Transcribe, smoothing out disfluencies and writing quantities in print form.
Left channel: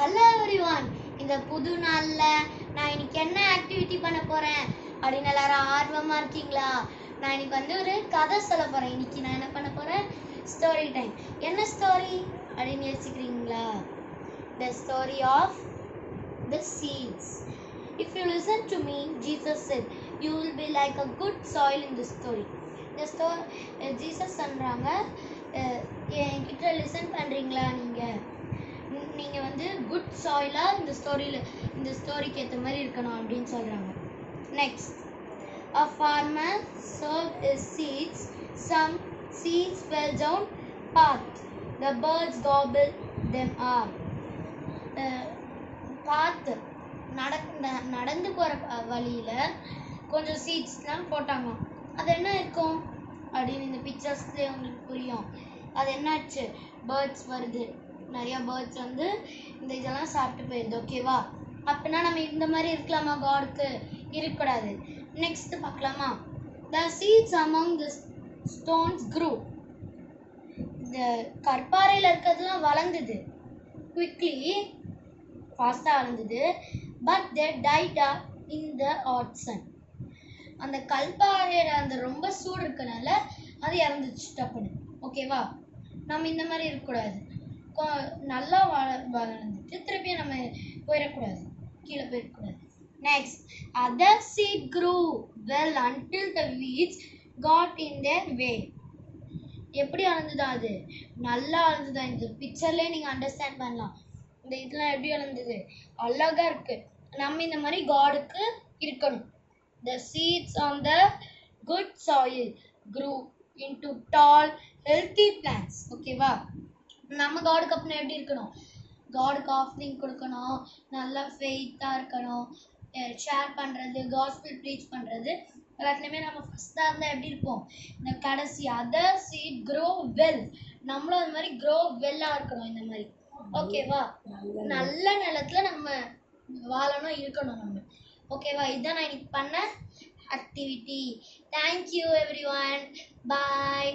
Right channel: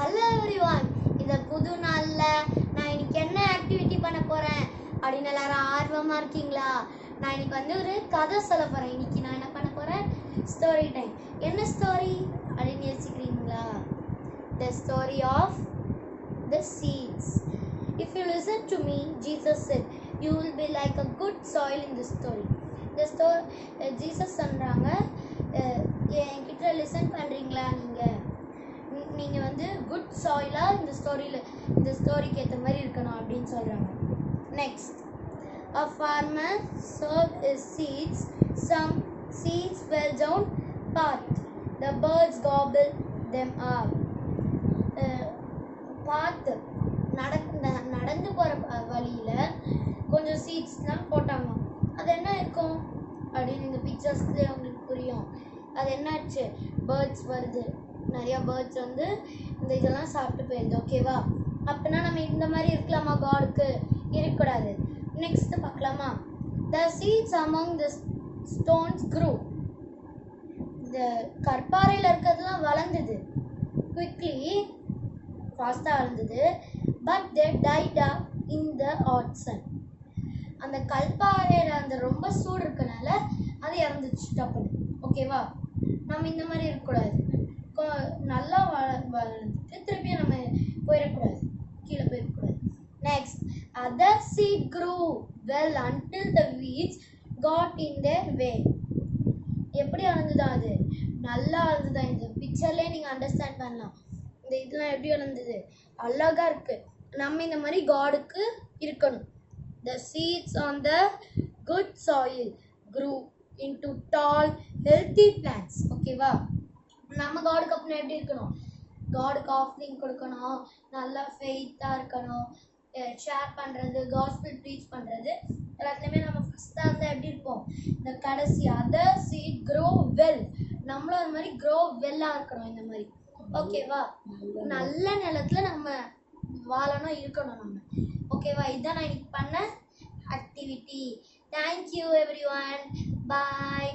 Hello everyone, இந்த புது நாள்ல நான் இன்னைக்கு என்ன ஆக்டிவிட்டி பண்ண போறேன் அப்படின்னு எல்லாரும் ஆர்வமா இருக்கீங்களா? நான் இன்னைக்கு ஒரு கதை சொல்ல போறேன். இன்னைக்கு நான் என்ன பண்ண போறேன்? Story time. என்ன ஸ்டோரி அப்படின்னு யோசிக்கிறீங்களா? The story of the seeds. If you listen to me, Jesus said, you will be like a good soil in this story. The story Jesus சொல்றாங்க, என்கிட்ட லிசன் பண்றீங்களா? நீங்க குட் சாயிலா இந்த ஸ்டோரிக்கு ஏற்ற மாதிரி இருக்கணும் அப்படின்னு சொல்றாங்க. Next, a farmer sowed his seeds. Some seeds fell down path. The birds gobbled them up. பாத்து நடந்து போற வழியில கொஞ்சம் சீட்ஸ்லாம் போட்டாங்க. அது என்ன இருக்கும் அப்படின்னு இந்த பிக்சர்ஸ்ல உங்களுக்கு புரியும். அது என்னாச்சு? பேர்ட்ஸ் வருது, நிறைய பேர்ட்ஸ் இந்த இதெல்லாம் சாப்பிட்டு போயிருது. ஓகேவா? அப்படின்னா நம்ம இந்த மாதிரி இருக்கலாமா? காடுக்கு இருக்கக்கூடாது. நெக்ஸ்ட் பார்க்கலாமா? The seeds among the stones grew. இந்த கற்பாறையில் இருக்கிறதுலாம் வளர்ந்தது. குவிக்லி, ஃபாஸ்ட்டாக வளர்ந்தது. But they died up in the hot sun. அந்த கல்பாறையில் அந்த ரொம்ப சூடு இருக்கனால அது இறந்துச்சு டப்புன்னு. ஓகேவா? நம்ம இந்த மாதிரி இருக்கக்கூடாது. நல்லா வளர்ந்துட்டு திருப்பியும் நம்ம போயிடக்கூடாது, கீழே போயிடக்கூடாது. Next, other seed grew well until the weeds got in their way. எப்படி வளர்ந்ததா? அது நல்லா வளர்ந்ததா? இந்த பிக்சர்லேயே நீங்கள் அண்டர்ஸ்டாண்ட் பண்ணலாம். இந்த இதெல்லாம் எப்படி வளர்ந்தது? அழகா இருக்கு. நம்ம இந்த மாதிரி காடுக்கு இருக்கணும். The seeds on the good soil grew into tall, healthy plants. ஓகேவா? நம்ம காடுக்கு அப்புறம் எப்படி இருக்கணும்? காடுக்கு ஆஃபரிங் கொடுக்கணும், நல்லா ஃபெய்த்தாக இருக்கணும், ஷேர் பண்ணுறது, காஸ்பல் ப்ரீச் பண்ணுறது, எல்லாத்துலேயுமே நம்ம ஃபஸ்ட்டாக இருந்தால் எப்படி இருப்போம்? இந்த கடைசி அதர் சீட் க்ரோ வெல், நம்மளும் அந்த மாதிரி க்ரோ வெல்லாக இருக்கணும். இந்த மாதிரி ஓகேவா? நல்ல நிலத்தில் நம்ம வாழணும், இருக்கணும் நம்ம. ஓகேவா? இதுதான் நான் இன்னைக்கு பண்ண ஆக்டிவிட்டி. Thank you everyone. பாய்.